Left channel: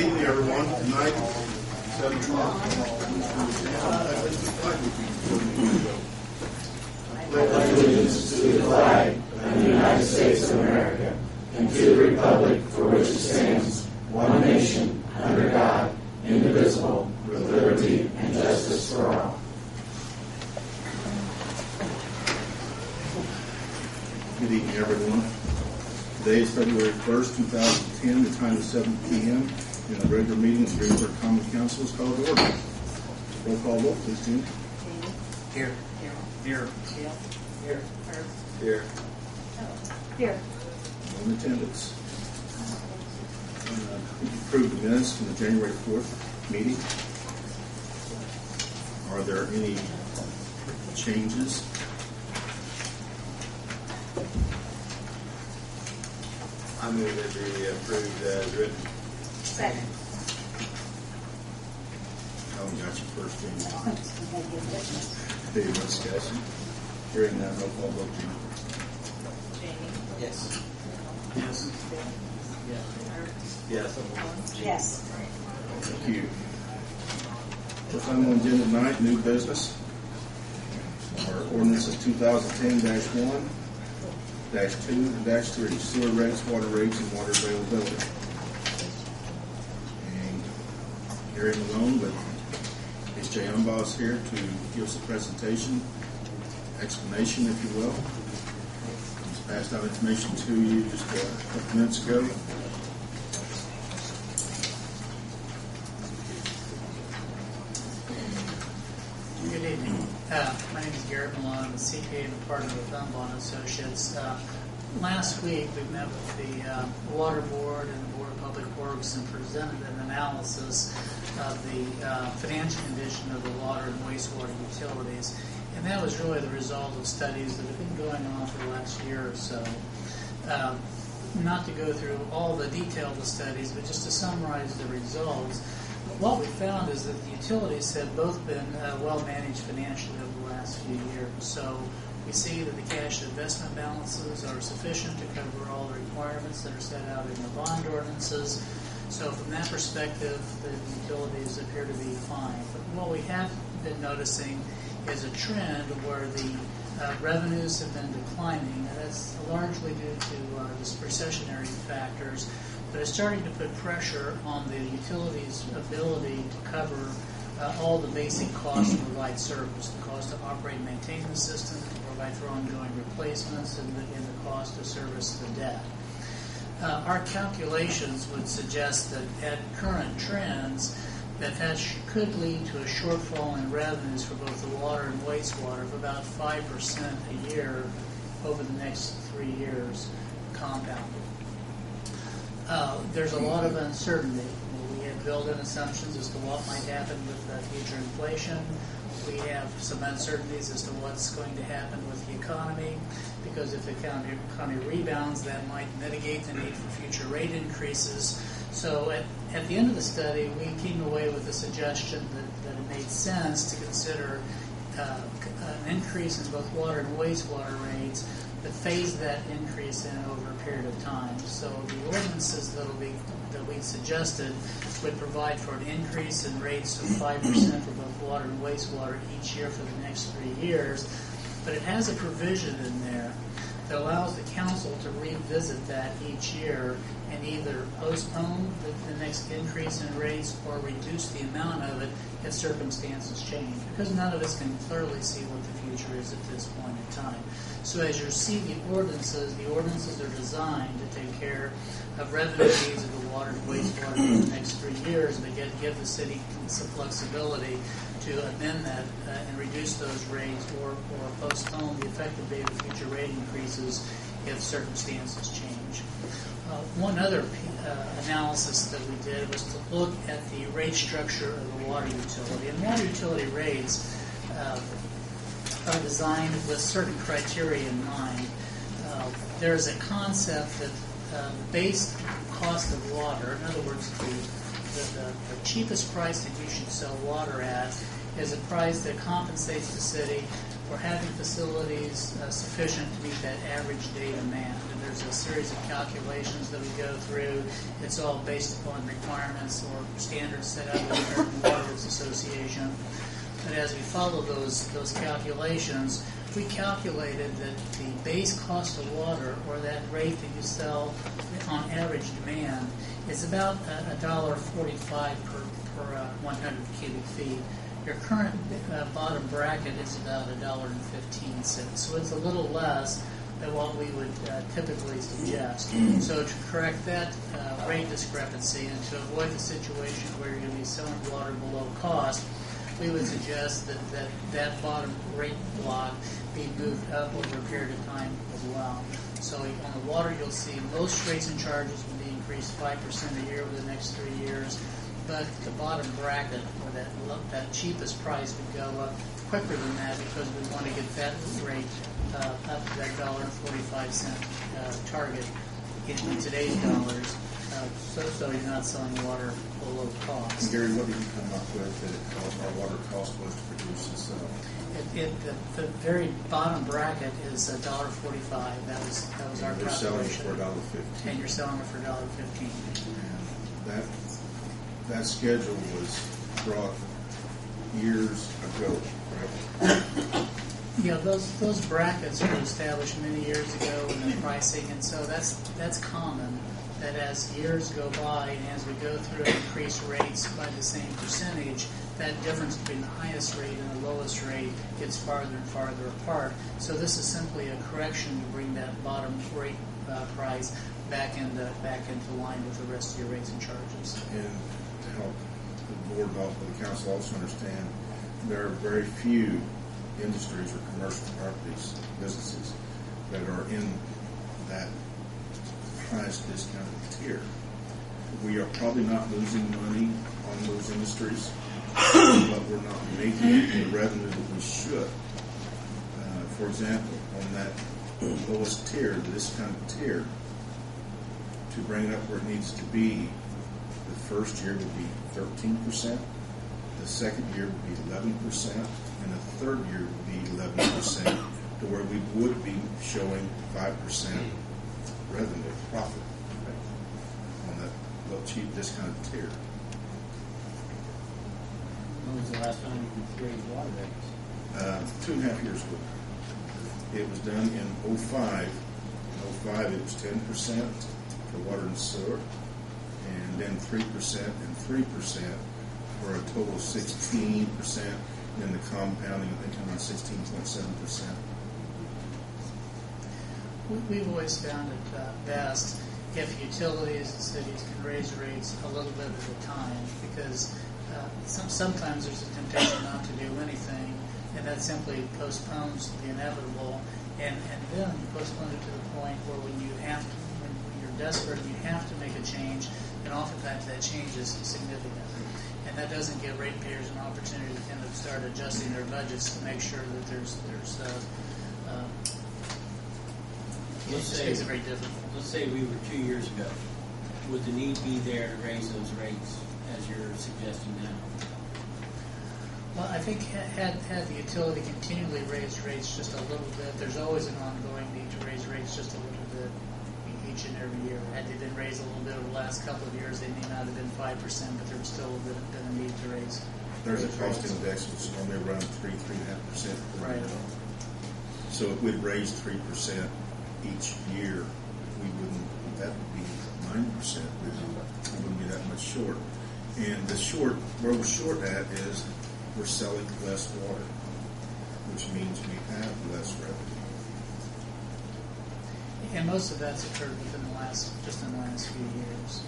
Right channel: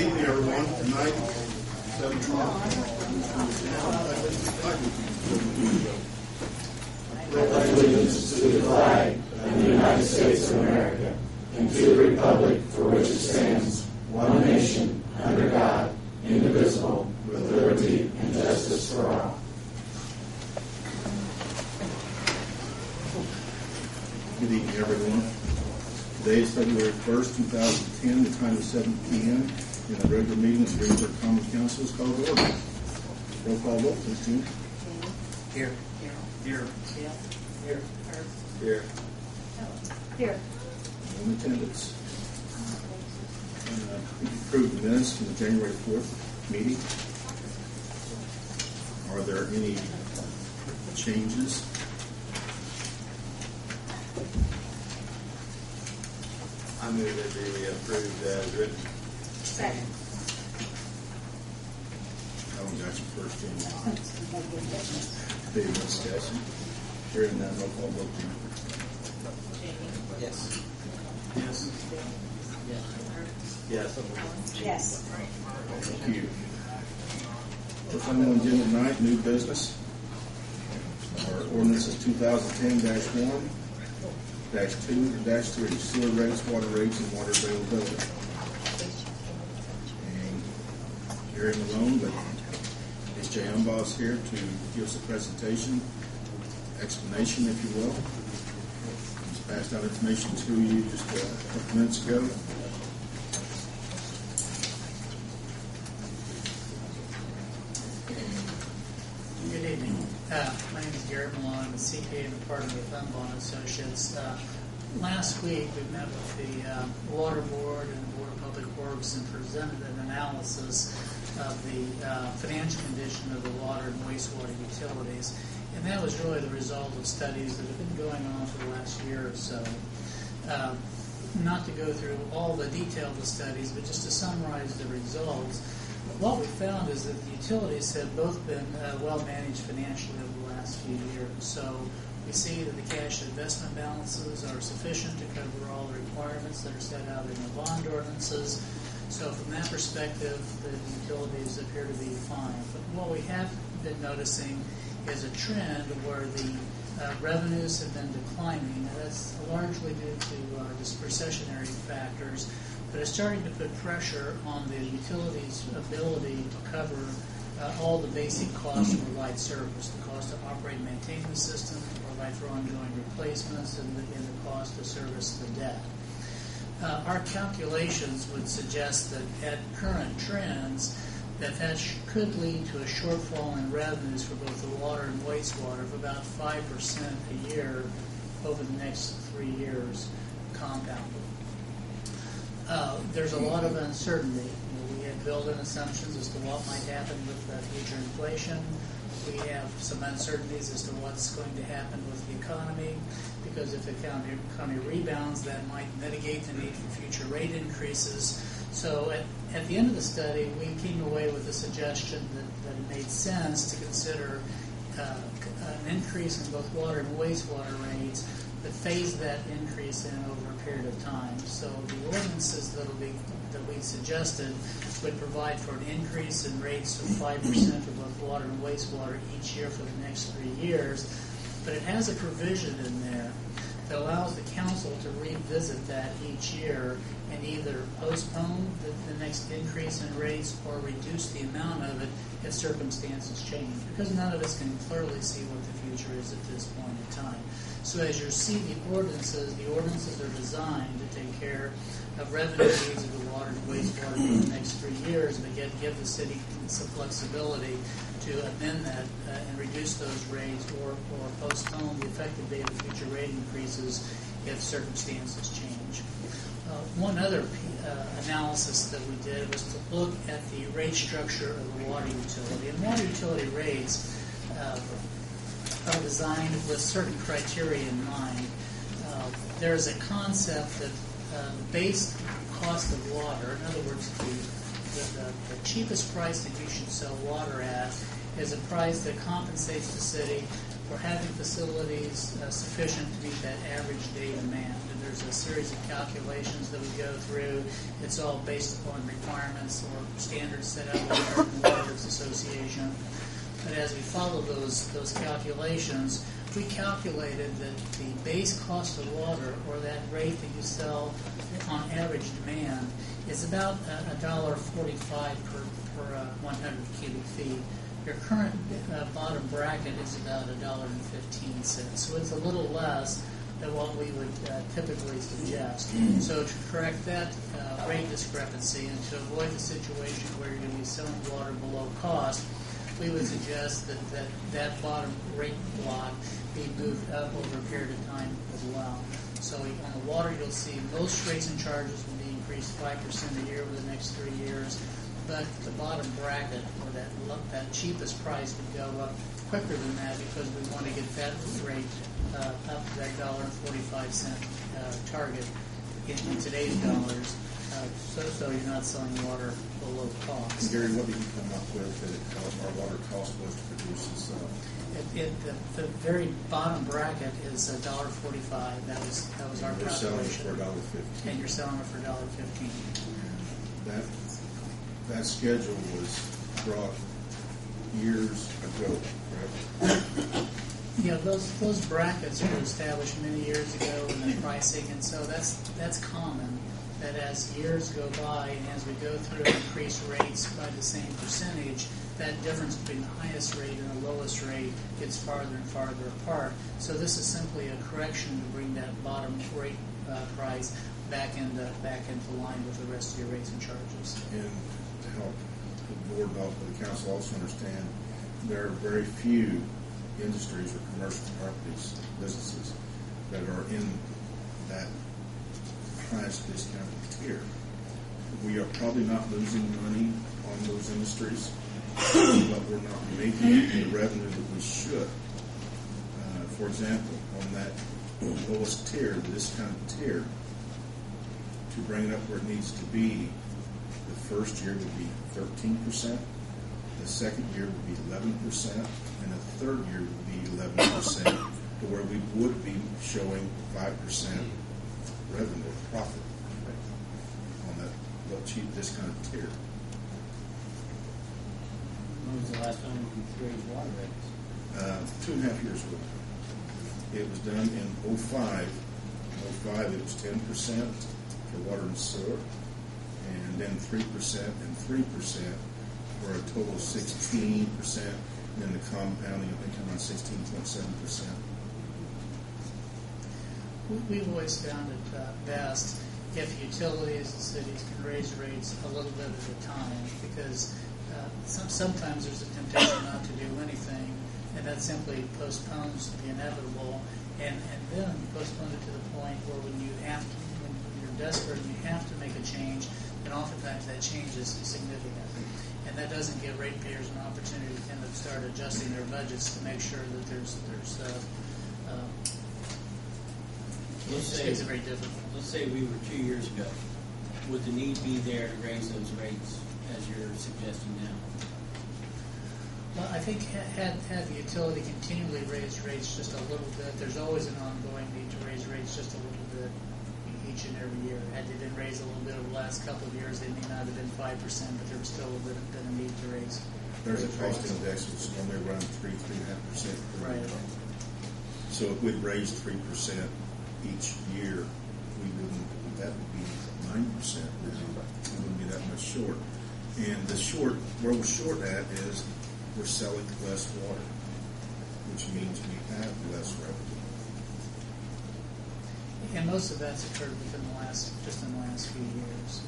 Good evening, everyone. Tonight, 7 o'clock. Pledge allegiance to the flag of the United States of America and to the republic for which it stands, one nation, under God, indivisible, with liberty and justice for all. Good evening, everyone. Today is February 1st, 2010. The time is 7 p.m. and the regular meeting of the Greensburg Common Council is called to order. Roll call vote, please, June. Here. Here. Here. Here. Here. In attendance. Approved the minutes from the January 4th meeting. Are there any changes? I move that be approved as written. Second. Helen got you first, Jamie. Any more discussion? Hearing none, roll call vote, June. Jamie. Yes. Yes. Yes. Yes. Thank you. First item on the agenda tonight, new business. Our ordinance is 2010-1, -2, and -3, sewer rates, water rates, and water availability. And Gary Malone, but is Jay Umbaugh here to give us a presentation, explanation, if you will. Just passed out information to you just a couple minutes ago. Good evening. My name is Gary Malone. I'm a CPA and a partner with Umbaugh Associates. Last week we met with the Water Board and the Board of Public Works and presented an analysis of the financial condition of the water and wastewater utilities. And that was really the result of studies that have been going on for the last year or so. Not to go through all the detail of the studies, but just to summarize the results. What we found is that the utilities have both been well managed financially over the last few years. So we see that the cash investment balances are sufficient to cover all the requirements that are set out in the bond ordinances. So from that perspective, the utilities appear to be fine. But what we have been noticing is a trend where the revenues have been declining. That's largely due to just recessionary factors. But it's starting to put pressure on the utilities' ability to cover all the basic costs to provide service, the cost to operate and maintain the system, to provide for ongoing replacements, and the cost to service the debt. Our calculations would suggest that at current trends, that could lead to a shortfall in revenues for both the water and wastewater of about 5% a year over the next 3 years, compounded. There's a lot of uncertainty. We have built-in assumptions as to what might happen with future inflation. We have some uncertainties as to what's going to happen with the economy, because if the economy rebounds, that might mitigate the need for future rate increases. So at the end of the study, we came away with the suggestion that it made sense to consider an increase in both water and wastewater rates, but phase that increase in over a period of time. So the ordinances that we suggested would provide for an increase in rates of 5% for both water and wastewater each year for the next 3 years. But it has a provision in there that allows the council to revisit that each year and either postpone the next increase in rates or reduce the amount of it if circumstances change, because none of us can clearly see what the future is at this point in time. So as you see the ordinances are designed to take care of revenue needs of the water and wastewater for the next 3 years, but yet give the city some flexibility to amend that and reduce those rates or postpone the effective date of future rate increases if circumstances change. One other analysis that we did was to look at the rate structure of the water utility. And water utility rates are designed with certain criteria in mind. There is a concept that the base cost of water, in other words, the cheapest price that you should sell water at, is a price that compensates the city we're having facilities sufficient to meet that average day demand. And there's a series of calculations that we go through. It's all based upon requirements or standards set out by the American Water Works Association. But as we follow those calculations, we calculated that the base cost of water, or that rate that you sell on average demand, is about $1.45 per 100 cubic feet. Your current bottom bracket is about $1.15, so it's a little less than what we would typically suggest. So to correct that rate discrepancy and to avoid the situation where you're going to be selling water below cost, we would suggest that bottom rate block be moved up over a period of time as well. So on the water, you'll see most rates and charges will be increased 5% a year over the next 3 years, but the bottom bracket, or that cheapest price, would go up quicker than that because we want to get that rate up to that $1.45 target in today's dollars, so you're not selling water below cost. Gary, what did you come up with that our water cost was to produce this? The very bottom bracket is $1.45. That was our We're selling it calculation. for $1.15. And you're selling it for $1.15. That schedule was brought years ago, right? Yeah, those brackets were established many years ago in the pricing, and so that's common. That as years go by and as we go through and increase rates by the same percentage, that difference between the highest rate and the lowest rate gets farther and farther apart. So this is simply a correction to bring that bottom rate price back into line with the rest of your rates and charges. And to help the board and also the council also understand, there are very few industries or commercial properties, businesses, that are in that highest discounted tier. We are probably not losing money on those industries, but we're not making the revenue that we should. For example, on that lowest tier, the discounted tier, to bring it up where it needs to be, the first year would be 13%, the second year would be 11%, and the third year would be 11%, to where we would be showing 5% revenue profit on that little cheap discounted tier. When was the last time you raised water rates? 2.5 years ago. It was done in 05. In 05 it was 10% for water and sewer, and then 3% and 3% for a total of 16%, and then the compounding, I think, around 16.7%. We've always found it best if utilities and cities can raise rates a little bit at a time, because sometimes there's a temptation not to do anything, and that simply postpones the inevitable, and then you postpone it to the point where when you're desperate and you have to make a change, then oftentimes that change is significant. And that doesn't give ratepayers an opportunity to kind of start adjusting their budgets to make sure that there's makes it very difficult. Let's say we were 2 years ago. Would the need be there to raise those rates as you're suggesting now? Well, I think had the utility continually raised rates just a little bit, there's always an ongoing need to raise rates just a little bit each and every year. Had they been raised a little bit over the last couple of years, they may not have been 5%, but there was still been a need to raise. There's a cost index that's normally around 3.5% per year. So if we'd raised 3% each year, that would be 9%. We wouldn't be that much short. And where we're short at is we're selling less water, which means we have less revenue. And most of that's occurred within the last few years.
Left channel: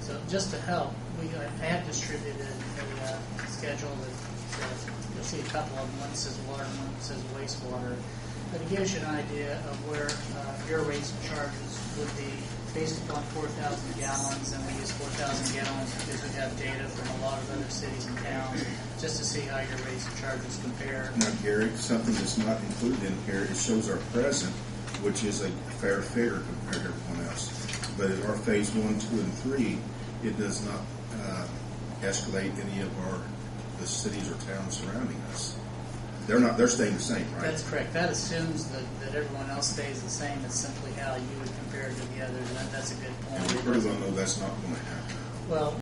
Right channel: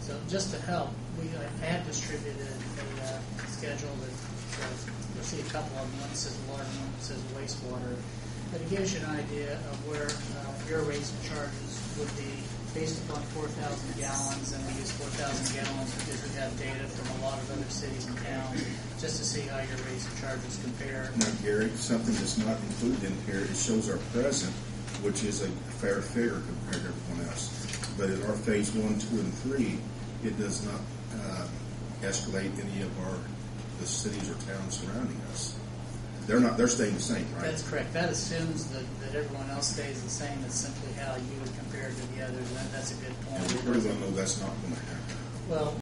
So just to help, I have distributed a schedule that you'll see a couple of them. One says water, and one says wastewater. But it gives you an idea of where your rates and charges would be based upon 4,000 gallons, and we use 4,000 gallons because we have data from a lot of other cities and towns just to see how your rates and charges compare. Now, Gary, something that's not included in here, it shows our present, which is a fair figure compared to everyone else. But at our phase 1, 2, and 3, it does not escalate any of the cities or towns surrounding us. they're staying the same, right? That's correct. That assumes that everyone else stays the same. It's simply how you would compare to the others, and that's a good And we point. pretty well know that's not going to happen. Well,